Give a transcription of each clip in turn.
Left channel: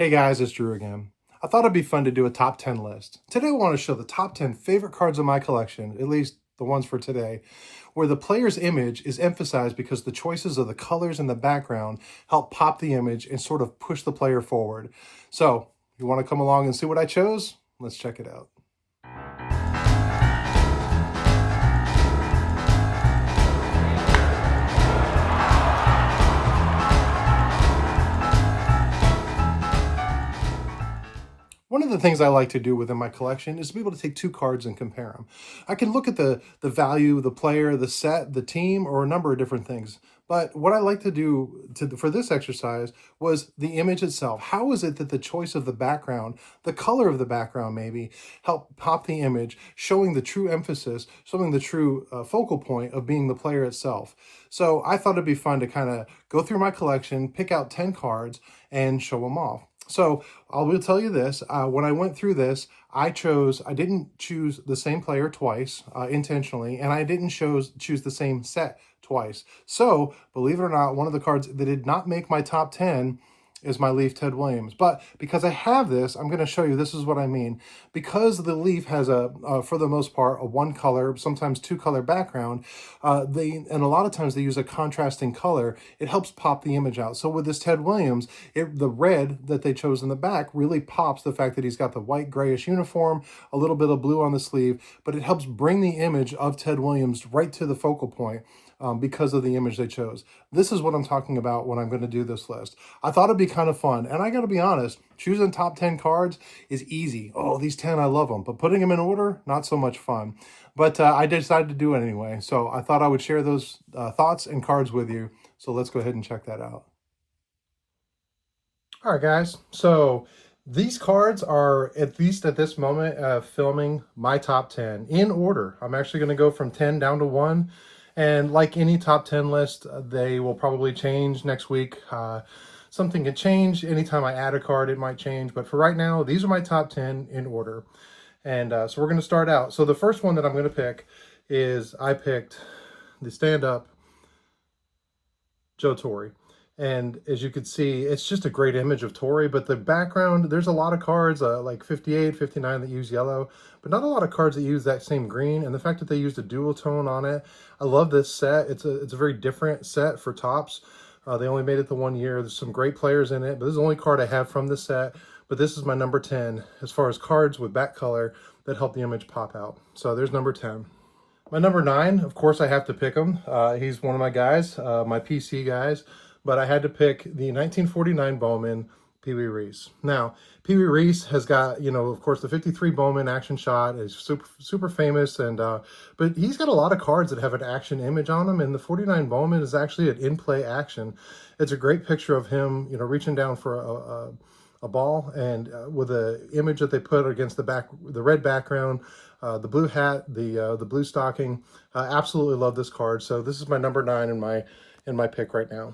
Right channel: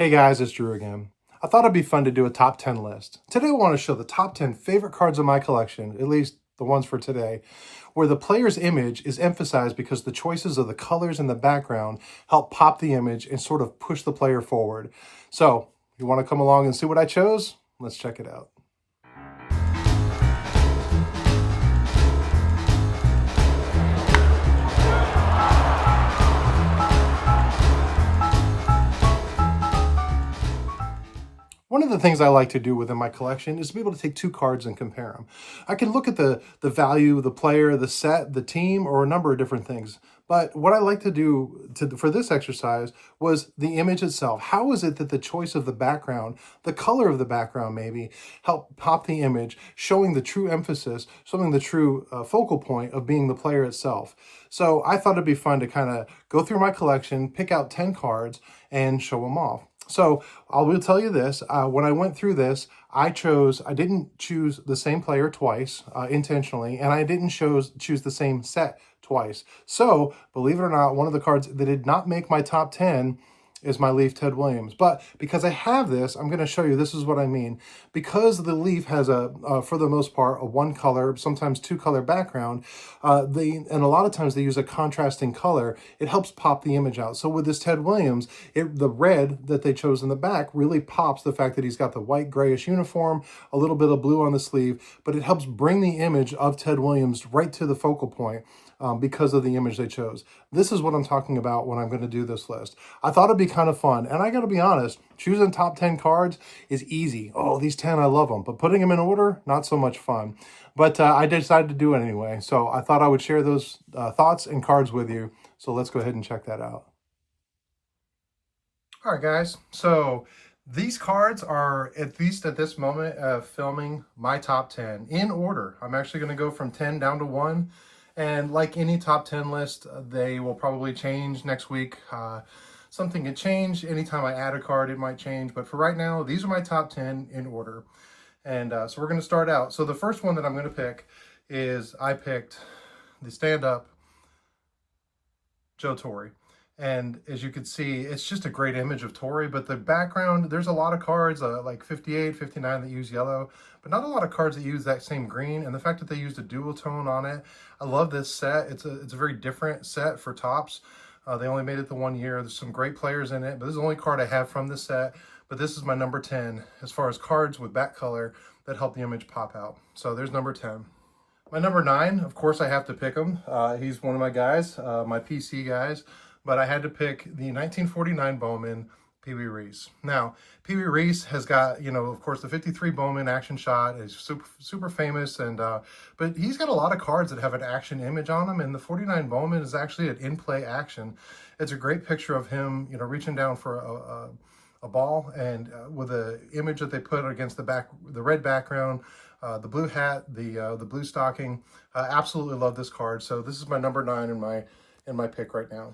Hey guys, it's Drew again. I thought it'd be fun to do a top 10 list. Today I want to show the top 10 favorite cards in my collection, at least the ones for today, where the player's image is emphasized because the choices of the colors in the background help pop the image and sort of push the player forward. So, you want to come along and see what I chose? Let's check it out. One of the things I like to do within my collection is to be able to take two cards and compare them. I can look at the value of the player, the set, the team, or a number of different things. But what I like to do for this exercise was the image itself. How is it that the choice of the background, the color of the background maybe, help pop the image, showing the true emphasis, showing the true focal point of being the player itself. So I thought it'd be fun to kind of go through my collection, pick out 10 cards, and show them off. So I will tell you this, when I went through this, I didn't choose the same player twice intentionally, and I didn't choose the same set twice. So believe it or not, one of the cards that did not make my top 10 is my Leaf Ted Williams. But because I have this, I'm going to show you this is what I mean. Because the Leaf has for the most part, a one color, sometimes two color background, and a lot of times they use a contrasting color, it helps pop the image out. So with this Ted Williams, the red that they chose in the back really pops the fact that he's got the white grayish uniform, a little bit of blue on the sleeve, but it helps bring the image of Ted Williams right to the focal point. Because of the image they chose. This is what I'm talking about when I'm going to do this list. I thought it'd be kind of fun, and I got to be honest, choosing top 10 cards is easy. Oh, these 10, I love them, but putting them in order, not so much fun. But I decided to do it anyway, so I thought I would share those thoughts and cards with you. So let's go ahead and check that out. All right, guys. So these cards are, at least at this moment, filming my top 10 in order. I'm actually going to go from 10 down to 1. And like any top 10 list, they will probably change next week. Something can change. Anytime I add a card, it might change. But for right now, these are my top 10 in order. And so we're going to start out. So the first one that I'm going to pick is I picked the stand-up Joe Torre. And as you can see, it's just a great image of Torre, but the background, there's a lot of cards like 58, 59 that use yellow, but not a lot of cards that use that same green. And the fact that they used a dual tone on it, I love this set. It's a very different set for Topps. They only made it the 1 year. There's some great players in it, but this is the only card I have from this set. But this is my number 10 as far as cards with back color that help the image pop out. So there's number 10. My number 9, of course, I have to pick him. He's one of my guys, my PC guys. But I had to pick the 1949 Bowman, Pee Wee Reese. Now, Pee Wee Reese has got, of course, the 53 Bowman action shot is super famous, and but he's got a lot of cards that have an action image on them, and the 49 Bowman is actually an in-play action. It's a great picture of him, reaching down for a ball, and with an image that they put against the red background, the blue hat, the blue stocking. Absolutely love this card. So this is my number 9 in my pick right now.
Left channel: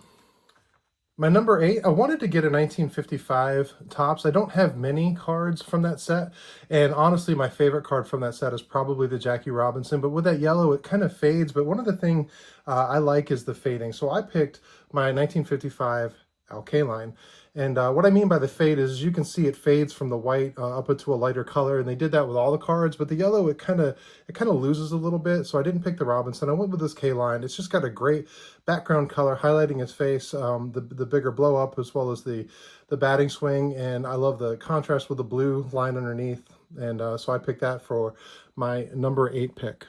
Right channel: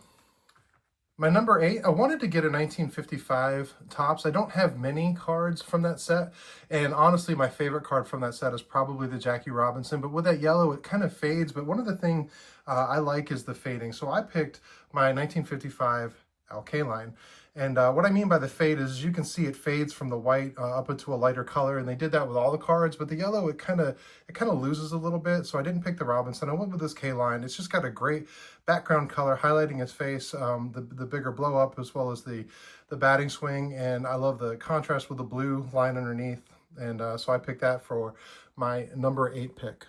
My number 8, I wanted to get a 1955 Topps. I don't have many cards from that set, and honestly, my favorite card from that set is probably the Jackie Robinson, but with that yellow, it kind of fades, but one of the things I like is the fading. So I picked my 1955 Al Kaline. And what I mean by the fade is, as you can see, it fades from the white up into a lighter color, and they did that with all the cards. But the yellow, it kind of loses a little bit. So I didn't pick the Robinson. I went with this Kaline. It's just got a great background color highlighting his face, the bigger blow up as well as the batting swing, and I love the contrast with the blue line underneath. And so I picked that for my number 8 pick.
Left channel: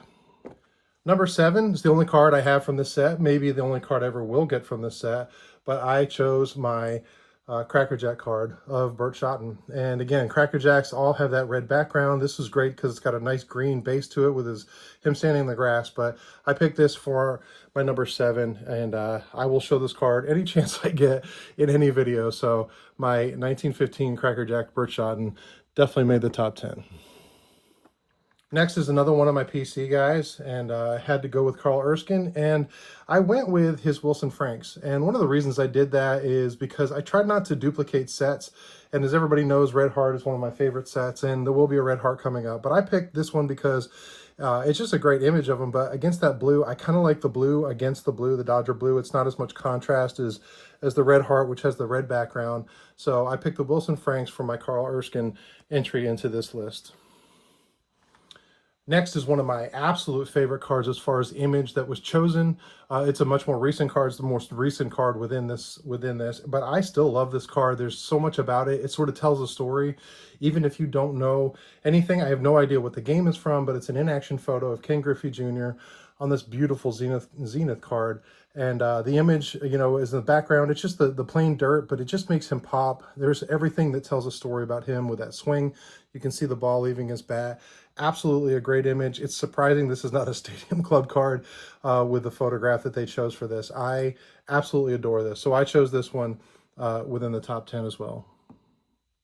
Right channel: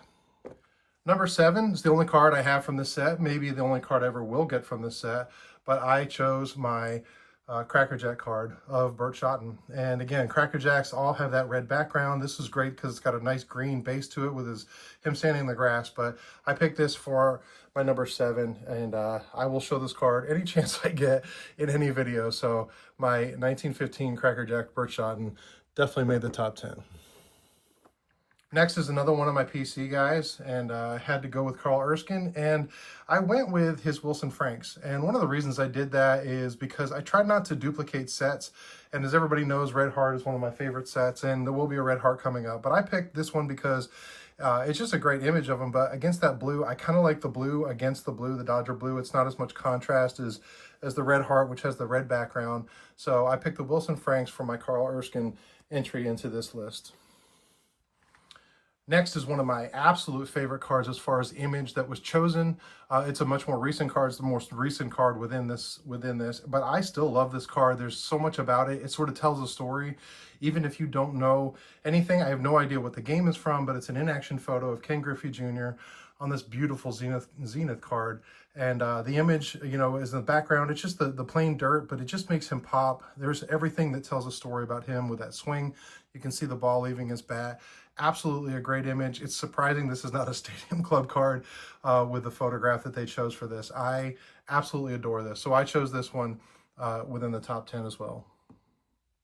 Number 7 is the only card I have from this set, maybe the only card I ever will get from this set, but I chose my Cracker Jack card of Burt Shotton. And again, Cracker Jacks all have that red background. This is great because it's got a nice green base to it with him standing in the grass, but I picked this for my number 7, and I will show this card any chance I get in any video. So my 1915 Cracker Jack Burt Shotton definitely made the top 10. Next is another one of my PC guys, and I had to go with Carl Erskine, and I went with his Wilson Franks. And one of the reasons I did that is because I tried not to duplicate sets, and as everybody knows, Red Heart is one of my favorite sets, and there will be a Red Heart coming up. But I picked this one because it's just a great image of him, but against that blue, I kind of like the blue against the blue, the Dodger blue. It's not as much contrast as as the red heart, which has the red background. So I picked the Wilson Franks for my Carl Erskine entry into this list. Next is one of my absolute favorite cards as far as image that was chosen. It's a much more recent card. It's the most recent card within this, but I still love this card. There's so much about it. It sort of tells a story. Even if you don't know anything, I have no idea what the game is from, but it's an in-action photo of Ken Griffey Jr. on this beautiful Zenith card. And the image, you know, is in the background. It's just the plain dirt, but it just makes him pop. There's everything that tells a story about him with that swing. You can see the ball leaving his bat. Absolutely a great image. It's surprising this is not a Stadium Club card with the photograph that they chose for this. I absolutely adore this. So I chose this one within the top 10 as well.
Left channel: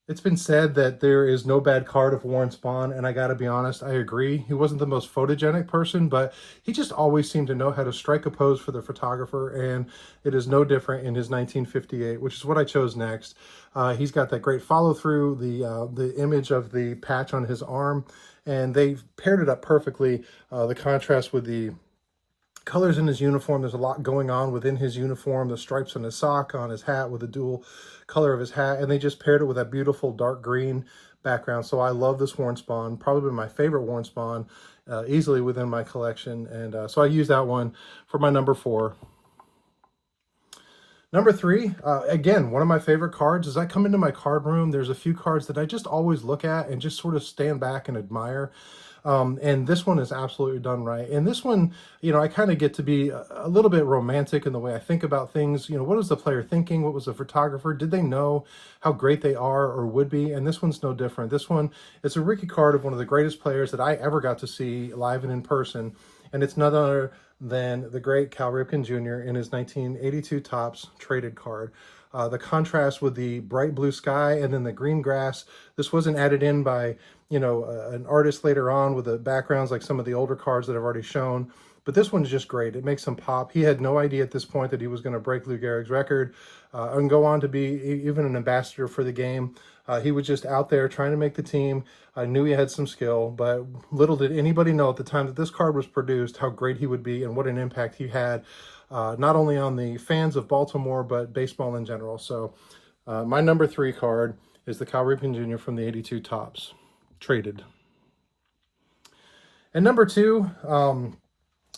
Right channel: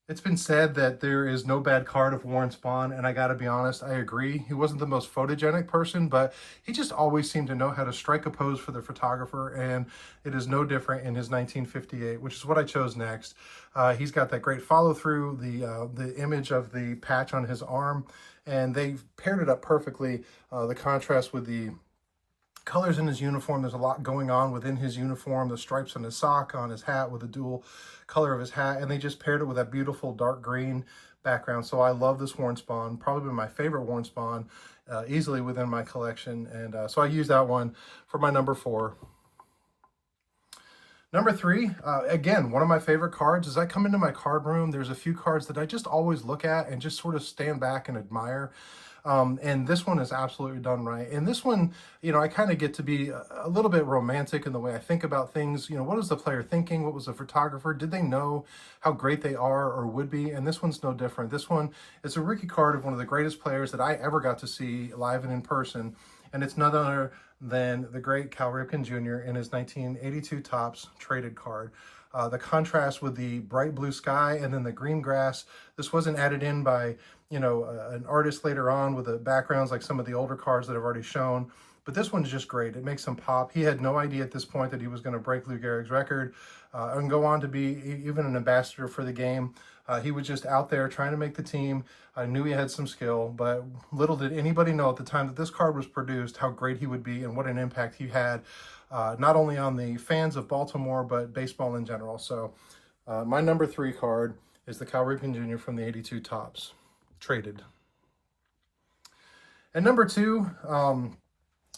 It's been said that there is no bad card of Warren Spahn, and I gotta be honest, I agree. He wasn't the most photogenic person, but he just always seemed to know how to strike a pose for the photographer, and it is no different in his 1958, which is what I chose next. He's got that great follow-through, the image of the patch on his arm, and they paired it up perfectly. The contrast with the colors in his uniform, there's a lot going on within his uniform, the stripes on his sock, on his hat with the dual color of his hat, and they just paired it with that beautiful dark green background. So I love this Warren Spahn, probably been my favorite Warren Spahn, easily within my collection, and so I use that one for my number 4. Number 3, again, one of my favorite cards. As I come into my card room, there's a few cards that I just always look at and just sort of stand back and admire. And this one is absolutely done right. And this one, you know, I kind of get to be a little bit romantic in the way I think about things. You know, what was the player thinking? What was the photographer? Did they know how great they are or would be? And this one's no different. This one is a rookie card of one of the greatest players that I ever got to see live and in person. And it's none other than the great Cal Ripken Jr. in his 1982 Topps traded card. The contrast with the bright blue sky and then the green grass. This wasn't added in by, you know, an artist later on with the backgrounds like some of the older cards that I've already shown. But this one's just great. It makes him pop. He had no idea at this point that he was going to break Lou Gehrig's record and go on to be even an ambassador for the game. He was just out there trying to make the team. I knew he had some skill, but little did anybody know at the time that this card was produced how great he would be and what an impact he had, not only on the fans of Baltimore, but baseball in general. So my number 3 card is the Cal Ripken Jr. from the 82 Topps, traded. And number 2,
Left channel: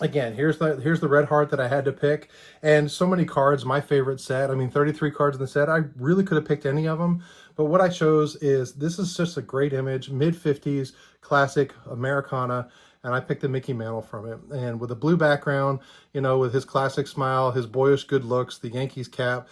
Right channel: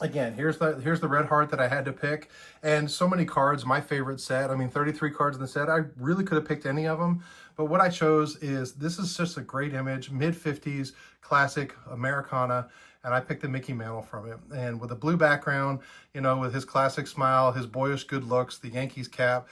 again, here's the red heart that I had to pick, and so many cards, my favorite set. I mean, 33 cards in the set. I really could have picked any of them, but what I chose is, this is just a great image, mid-50s classic Americana, and I picked the Mickey Mantle from it. And with a blue background, you know, with his classic smile, his boyish good looks, the Yankees cap,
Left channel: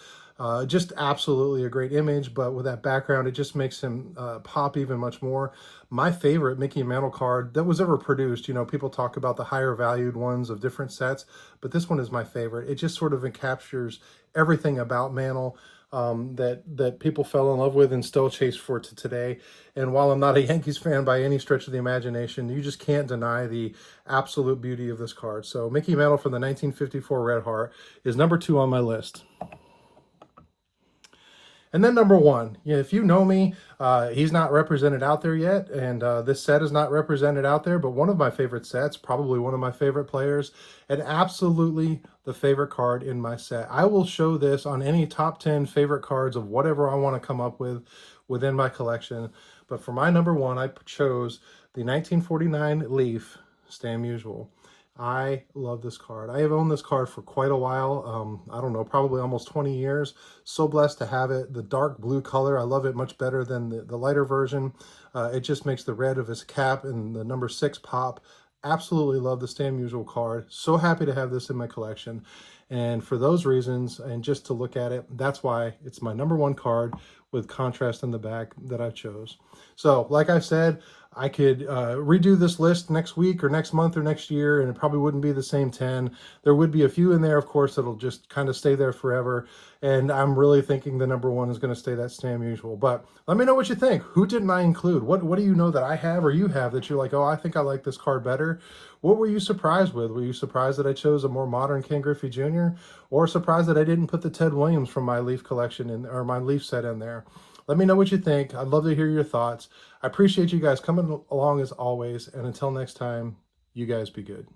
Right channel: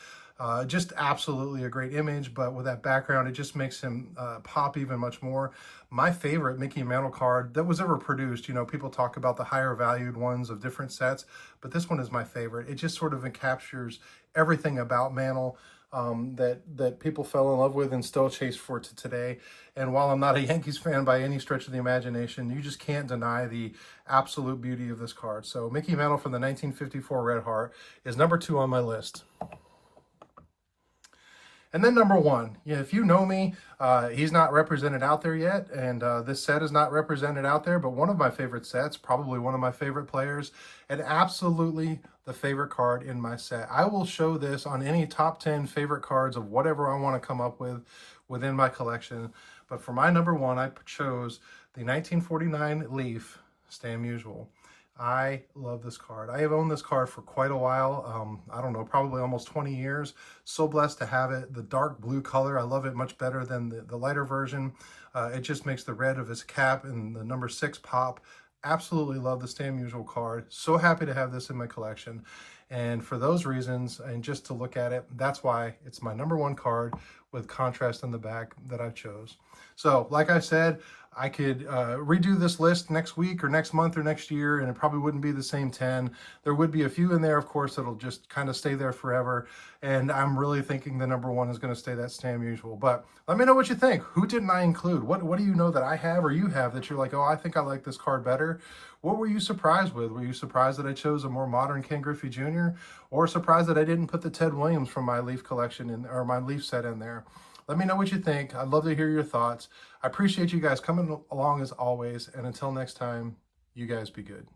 just absolutely a great image, but with that background, it just makes him pop even much more. My favorite Mickey Mantle card that was ever produced, you know, people talk about the higher valued ones of different sets, but this one is my favorite. It just sort of encaptures everything about Mantle that people fell in love with and still chase for to today. And while I'm not a Yankees fan by any stretch of the imagination, you just can't deny the absolute beauty of this card. So Mickey Mantle from the 1954 Red Heart is number 2 on my list. And then number 1, yeah, if you know me, he's not represented out there yet, and this set is not represented out there, but one of my favorite sets, probably one of my favorite players, and absolutely the favorite card in my set. I will show this on any top 10 favorite cards of whatever I want to come up with within my collection, but for my number 1, I chose the 1949 Leaf Stan Musial. I love this card. I have owned this card for quite a while. I don't know, probably almost 20 years. So blessed to have it. The dark blue color, I love it much better than the lighter version. It just makes the red of his cap and the number 6 pop. Absolutely love the Stan Musial card. So happy to have this in my collection. And for those reasons, and just to look at it, that's why it's my number 1 card with contrast in the back that I chose. So, like I said, I could redo this list next week or next month or next year, and it probably wouldn't be the same 10. There would be a few in there, of course, that'll just kind of stay there forever. And I'm really thinking the number 1 is going to stay that Stan Musial. But let me know what you think. Who didn't I include? What do you know that I have or you have that you're like, oh, I think I like this card better? What were you surprised with? Were you surprised that I chose a more modern Ken Griffey Jr.? Or surprised that I didn't put the Ted Williams from my Leaf collection in, or my Leaf set in there? Let me know what you think. I'd love to hear your thoughts. I appreciate you guys coming along as always. And until next time, you guys be good.